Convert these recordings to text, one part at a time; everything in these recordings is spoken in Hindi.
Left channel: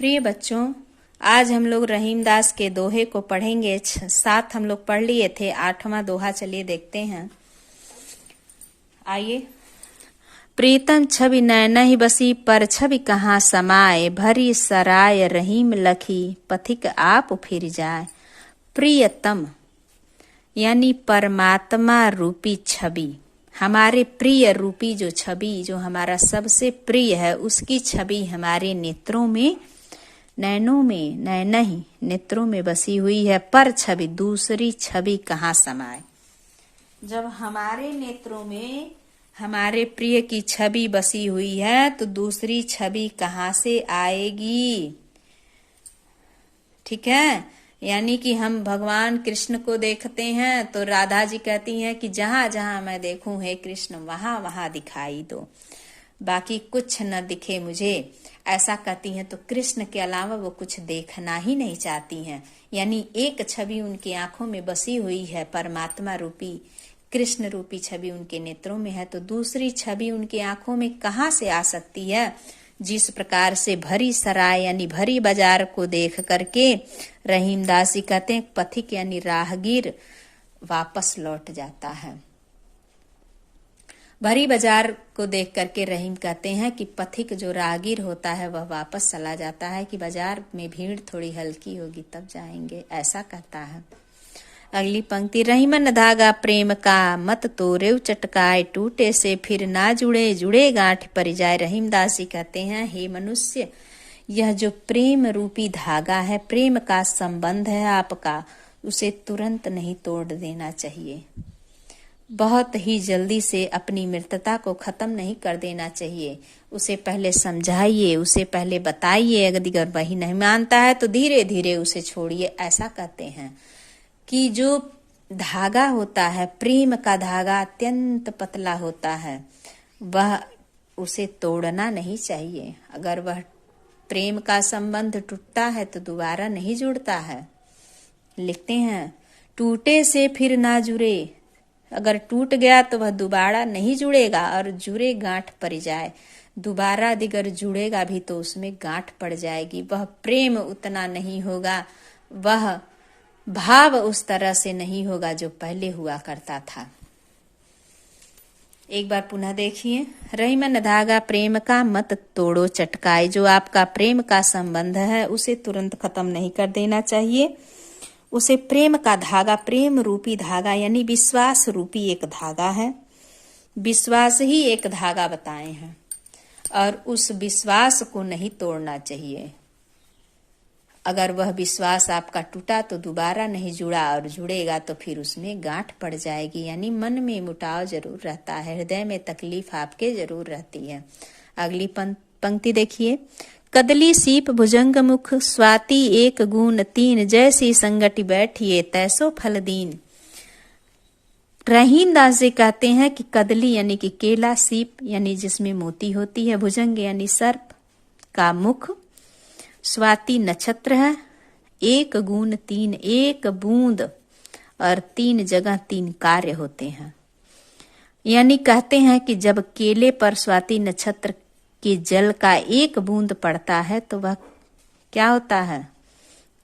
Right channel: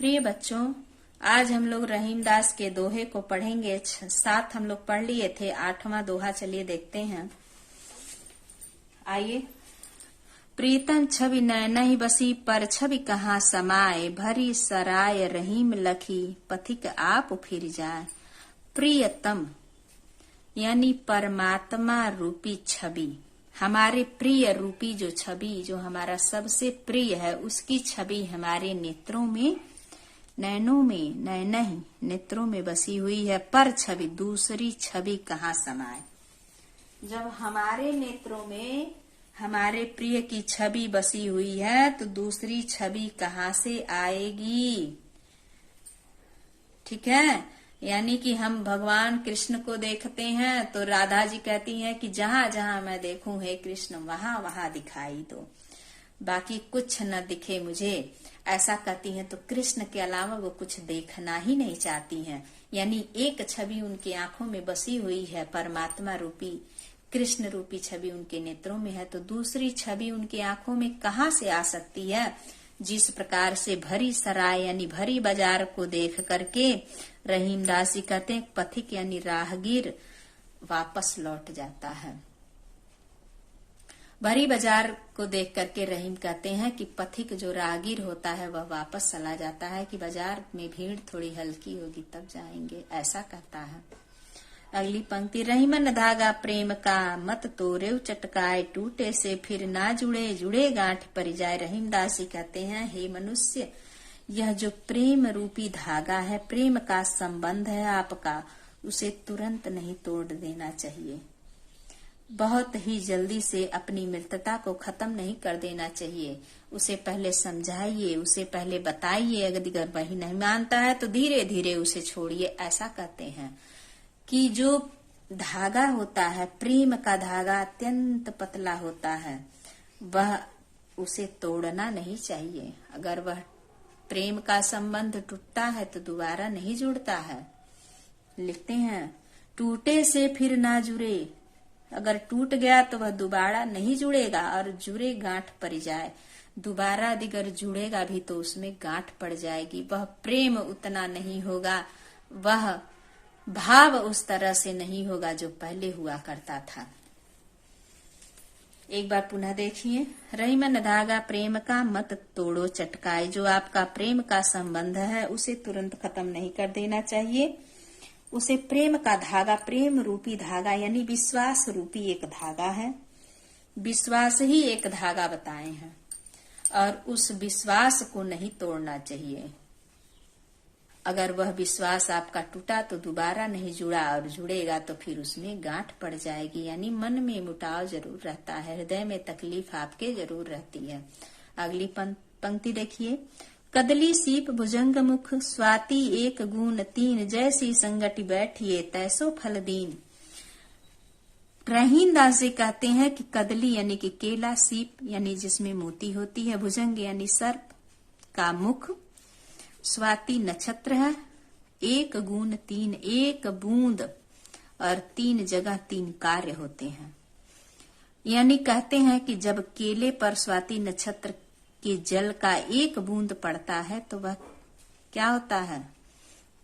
प्रिय बच्चों, आज हम लोग रहीमदास के दोहे को पढ़ेंगे। 7 हम लोग पढ़ लिए थे, 8वां दोहा चलिए देखते हैं। आइए। प्रीतम छवि नैनहि बसी, पर छवि कहाँ समाए, भरी सराय रहीम लखी, पथिक आप फिर जाए। प्रियतम यानी परमात्मा रूपी छवि, हमारे प्रिय रूपी जो छवि, जो हमारा सबसे प्रिय है, उसकी छवि हमारे नेत्रों में, नैनों में, नैनहि नेत्रों में बसी हुई है। पर छवि, दूसरी छवि कहाँ समाए। जब हमारे नेत्रों में हमारे प्रिय की छवि बसी हुई है तो दूसरी छवि कहाँ से आएगी। ठीक है, यानी कि हम भगवान कृष्ण को देखते हैं तो राधा जी कहती हैं कि जहां जहां मैं देखूं हे कृष्ण, वहां वहां दिखाई दो, बाकी कुछ न दिखे मुझे, ऐसा कहती हैं। तो कृष्ण के अलावा वो कुछ देखना ही नहीं चाहती हैं। यानी एक छवि उनकी आंखों में बसी हुई है, परमात्मा रूपी, कृष्ण रूपी छवि उनके नेत्रों में है, तो दूसरी छवि उनकी आंखों में कहाँ से आ सकती है। जिस प्रकार से भरी सराय यानी भरी बाजार को देख करके रहीमदास जी कहते हैं, पथिक यानी राहगीर वापस लौट जाता है। भरी बाजार को देख करके रहीम कहते हैं कि पथिक जो राहगीर होता है वह वापस चला जाता है, कि बाजार में भीड़ थोड़ी हल्की होगी तब जाएंगे, ऐसा कहता है। अगली पंक्ति, रहीमन धागा प्रेम का, मत तोड़े चटकाए, टूटे से फिर ना जुड़े, जुड़े गांठ पर जाए। रहीमदास जी कहते हैं, हे मनुष्य, यह जो प्रेम रूपी धागा है, प्रेम का संबंध है आपका, उसे तुरंत नहीं तोड़ देना चाहिए। बहुत ही जल्दी से अपनी मित्रता को खत्म नहीं कर देना चाहिए। उसे पहले समझाइए, उसे पहले बताइए, अगर वही नहीं मानता है तो धीरे धीरे उसे छोड़िए। ऐसा कहते हैं कि जो धागा होता है, प्रेम का धागा अत्यंत पतला होता है, वह उसे तोड़ना नहीं चाहिए। अगर वह प्रेम का संबंध टूटता है तो दोबारा नहीं जुड़ता है। लिखते हैं, टूटे से फिर ना जुड़े, अगर टूट गया तो वह दोबारा नहीं जुड़ेगा, और जुड़े गांठ पड़ जाए, दोबारा अगर जुड़ेगा भी तो उसमें गांठ पड़ जाएगी। वह प्रेम उतना नहीं होगा, वह भाव उस तरह से नहीं होगा जो पहले हुआ करता था। एक बार पुनः देखिए, रहीमन धागा प्रेम का, मत तोड़ो चटकाए। जो आपका प्रेम का संबंध है उसे तुरंत खत्म नहीं कर देना चाहिए। उसे प्रेम का धागा, प्रेम रूपी धागा यानी विश्वास रूपी एक धागा है, विश्वास ही एक धागा बताए हैं, और उस विश्वास को नहीं तोड़ना चाहिए। अगर वह विश्वास आपका टूटा तो दोबारा नहीं जुड़ा, और जुड़ेगा तो फिर उसमें गांठ पड़ जाएगी। यानी मन में मुटाव जरूर रहता है, हृदय में तकलीफ आपके जरूर रहती है। अगली पंक्ति देखिए, कदली सीप भुजंग मुख, स्वाति एक गुण तीन, जैसी संगति बैठिए तैसो फल दीन। रहीमदास जी कहते हैं कि कदली यानी कि केला, सीप यानी जिसमें मोती होती है, भुजंग यानी सर्प का मुख, स्वाति नक्षत्र है, एक गुण तीन, एक बूंद और 3 जगह 3 कार्य होते हैं। यानी कहते हैं कि जब केले पर स्वाति नक्षत्र के जल का एक बूंद पड़ता है तो वह क्या होता है,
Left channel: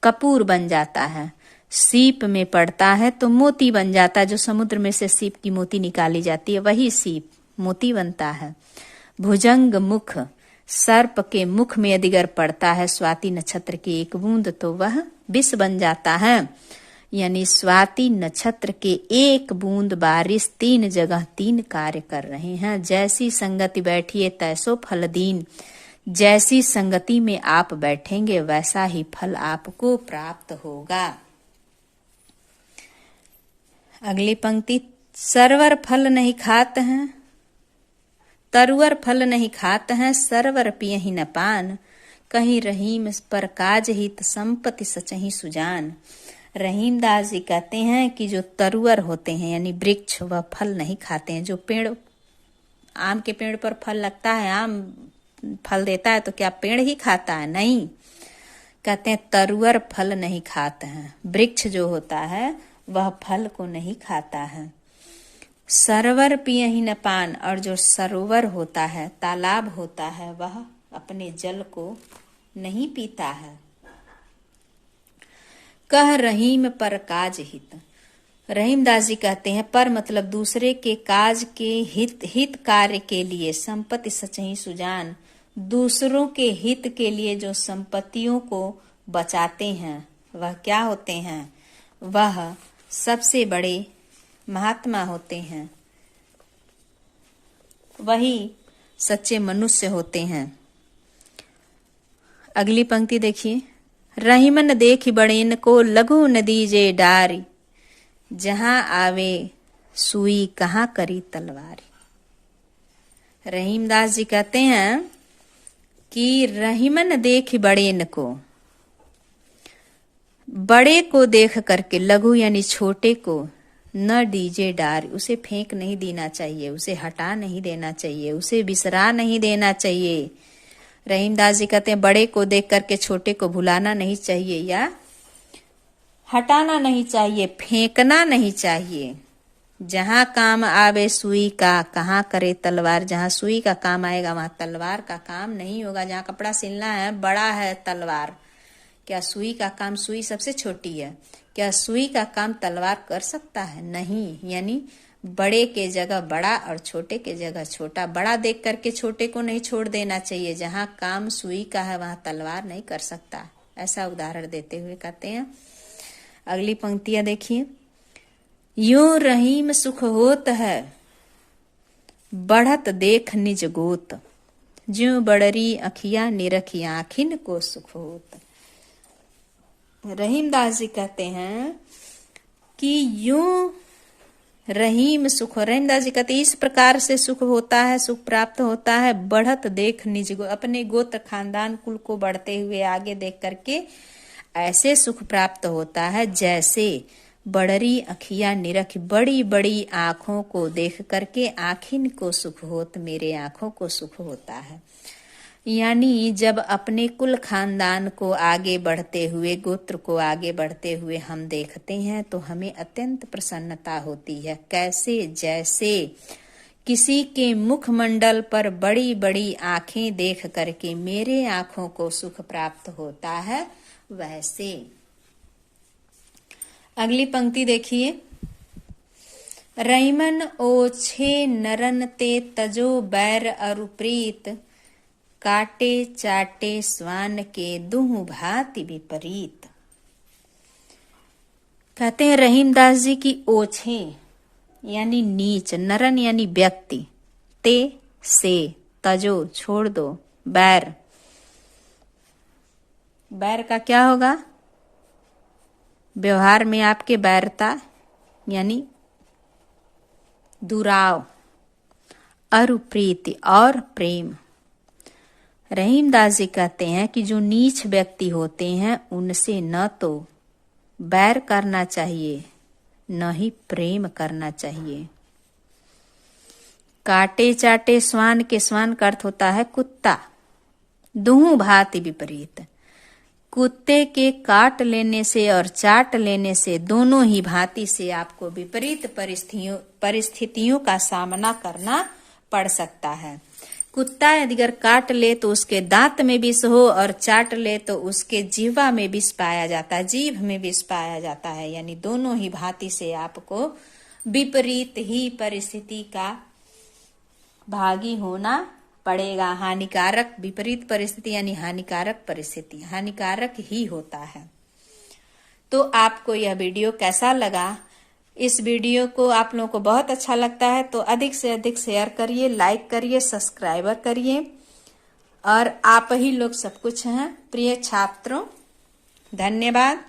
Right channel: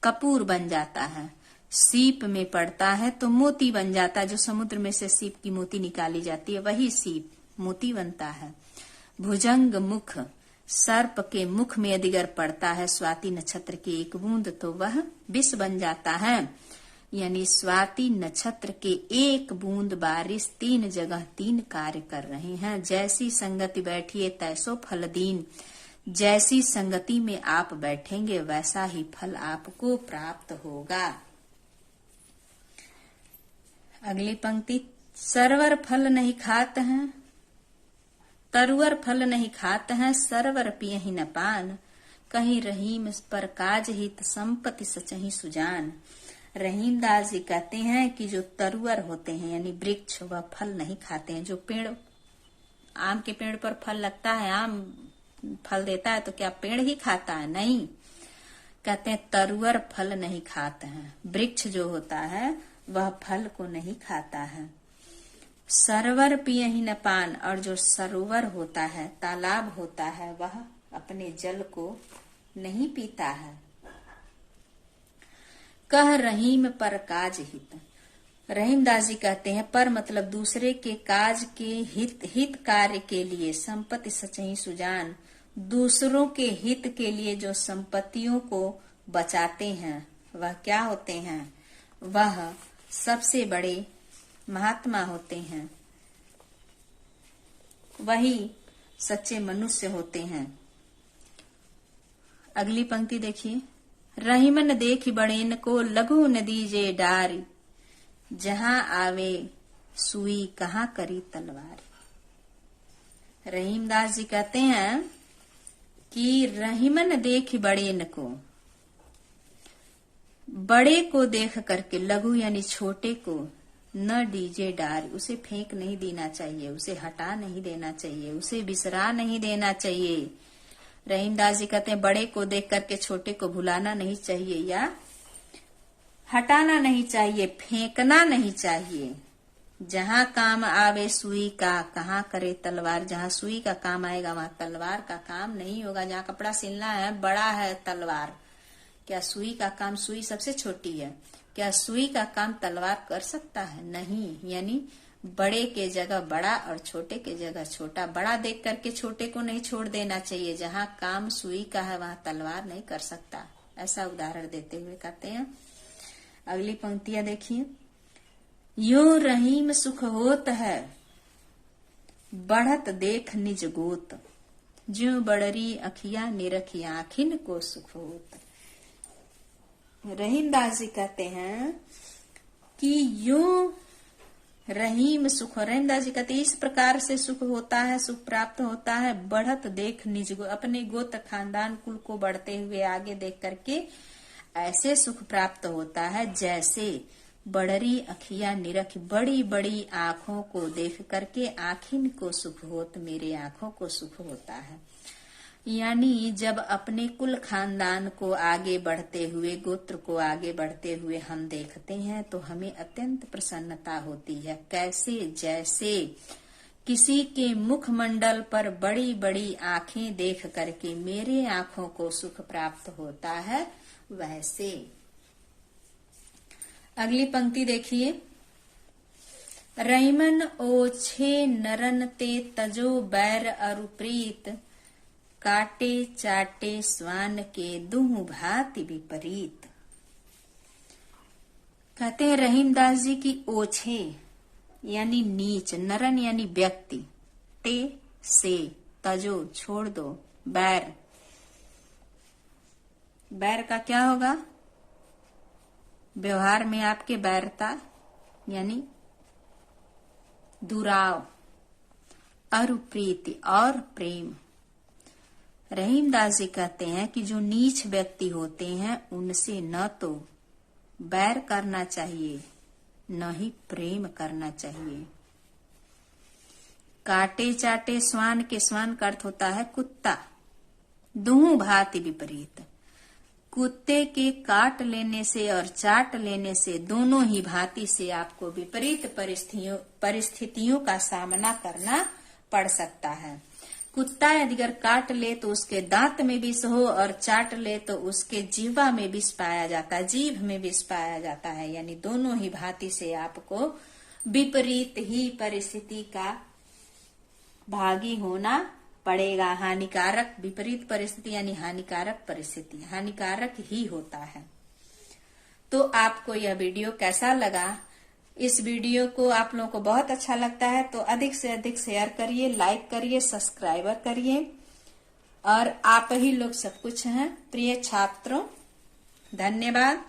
कपूर बन जाता है। सीप में पड़ता है तो मोती बन जाता है, जो समुद्र में से सीप की मोती निकाली जाती है वही सीप मोती बनता है। भुजंग मुख, सर्प के मुख में यदि अगर पड़ता है स्वाति नक्षत्र की एक बूंद तो वह विष बन जाता है। यानी स्वाति नक्षत्र के एक बूंद बारिश 3 जगह 3 कार्य कर रहे हैं। जैसी संगति बैठिए तैसो फल दीन, जैसी संगति में आप बैठेंगे वैसा ही फल आपको प्राप्त होगा। अगली पंक्ति, सरवर फल नहीं खात हैं, तरुवर फल नहीं खात हैं, सरवर पियहि न पान, कहीं रहीम पर काज हित, संपत्ति सचहि सुजान। रहीमदास जी कहते हैं कि जो तरुवर होते हैं यानी वृक्ष, वह फल नहीं खाते हैं। जो पेड़, आम के पेड़ पर फल लगता है, आम फल देता है तो क्या पेड़ ही खाता है? नहीं। कहते हैं तरुवर फल नहीं खाते हैं, वृक्ष जो होता है वह फल को नहीं खाता है। सरोवर पियहि न पान, और जो सरोवर होता है, तालाब होता है, वह अपने जल को नहीं पीता है। कह रहीम पर काज हित। रहीमदास जी कहते हैं पर मतलब दूसरे के काज के हित कार्य के लिए संपत्ति सचही सुजान। दूसरों के हित के लिए जो संपत्तियों को बचाते हैं वह क्या होते हैं? वह सबसे बड़े महात्मा होते हैं, वही सच्चे मनुष्य होते हैं। अगली पंक्ति देखिए। रहीमन देखी बड़ेन को लघु नदी जे डारी। जहां आवे सुई कहाँ करी तलवारी। रहीमदास जी कहते हैं कि रहीमन देख बड़ेन को, बड़े को देख करके, लघु यानी छोटे को, न दीजे डार, उसे फेंक नहीं देना चाहिए, उसे हटा नहीं देना चाहिए, उसे बिसरा नहीं देना चाहिए। रहीमदास जी कहते हैं बड़े को देख करके छोटे को भुलाना नहीं चाहिए या हटाना नहीं चाहिए, फेंकना नहीं चाहिए। जहां काम आवे सुई का कहाँ करे तलवार। जहां सुई का काम आएगा वहां तलवार का काम नहीं होगा। जहां कपड़ा सिलना है बड़ा है तलवार, क्या सुई का काम, सुई सबसे छोटी है, क्या सुई का काम तलवार कर सकता है? नहीं। यानी बड़े के जगह बड़ा और छोटे के जगह छोटा। बड़ा देख करके छोटे को नहीं छोड़ देना चाहिए। जहां काम सुई का है वहां तलवार नहीं कर सकता। ऐसा उदाहरण देते हुए कहते हैं। अगली पंक्तियां देखिए। यूं रहीम सुख होत है बढ़त देख निज गोत। ज्यों बड़री अखिया निरखी आखिन को सुख होत। रहीमदास जी कहते हैं कि यूं रहीम सुख, रहीमदास जी कहते इस प्रकार से सुख होता है, सुख प्राप्त होता है। बढ़त देख निज गो, अपने गोत्र खानदान कुल को बढ़ते हुए आगे देख करके ऐसे सुख प्राप्त होता है जैसे बड़री अखिया निरख, बड़ी बड़ी आंखों को देख करके आखिन को सुख होत, मेरे आंखों को सुख होता है। यानी जब अपने कुल खानदान को आगे बढ़ते हुए, गोत्र को आगे बढ़ते हुए हम देखते हैं तो हमें अत्यंत प्रसन्नता होती है। कैसे? जैसे किसी के मुखमंडल पर बड़ी बड़ी आंखें देख करके मेरे आंखों को सुख प्राप्त होता है, वैसे। अगली पंक्ति देखिए। रहीमन ओछे नरन ते तजो बैर अरु प्रीत। काटे चाटे स्वान के दुहु भांति विपरीत। कहते हैं रहीमदास जी की ओछे यानी नीच, नरन यानी व्यक्ति, ते से, तजो छोड़ दो, बैर, बैर का क्या होगा? व्यवहार में आपके बैरता यानी दुराव, अरु प्रीति और प्रेम। रहीमदास जी कहते हैं कि जो नीच व्यक्ति होते हैं उनसे न तो बैर करना चाहिए न ही प्रेम करना चाहिए। काटे चाटे स्वान के, स्वान का अर्थ होता है कुत्ता। दुहु भांति विपरीत, कुत्ते के काट लेने से और चाट लेने से दोनों ही भांति से आपको विपरीत परिस्थितियों का सामना करना पड़ सकता है। कुत्ता अगर काट ले तो उसके दांत में विष हो और चाट ले तो उसके जीवा में विष पाया जाता है, जीभ में विष पाया जाता है। यानी दोनों ही भांति से आपको विपरीत ही परिस्थिति का भागी होना पड़ेगा। हानिकारक, विपरीत परिस्थिति यानी हानिकारक परिस्थिति, हानिकारक ही होता है। तो आपको यह वीडियो कैसा लगा? इस वीडियो को आप लोगों को बहुत अच्छा लगता है तो अधिक से अधिक शेयर करिए, लाइक करिए, सब्सक्राइबर करिए। और आप ही लोग सब कुछ हैं प्रिय छात्रों। धन्यवाद।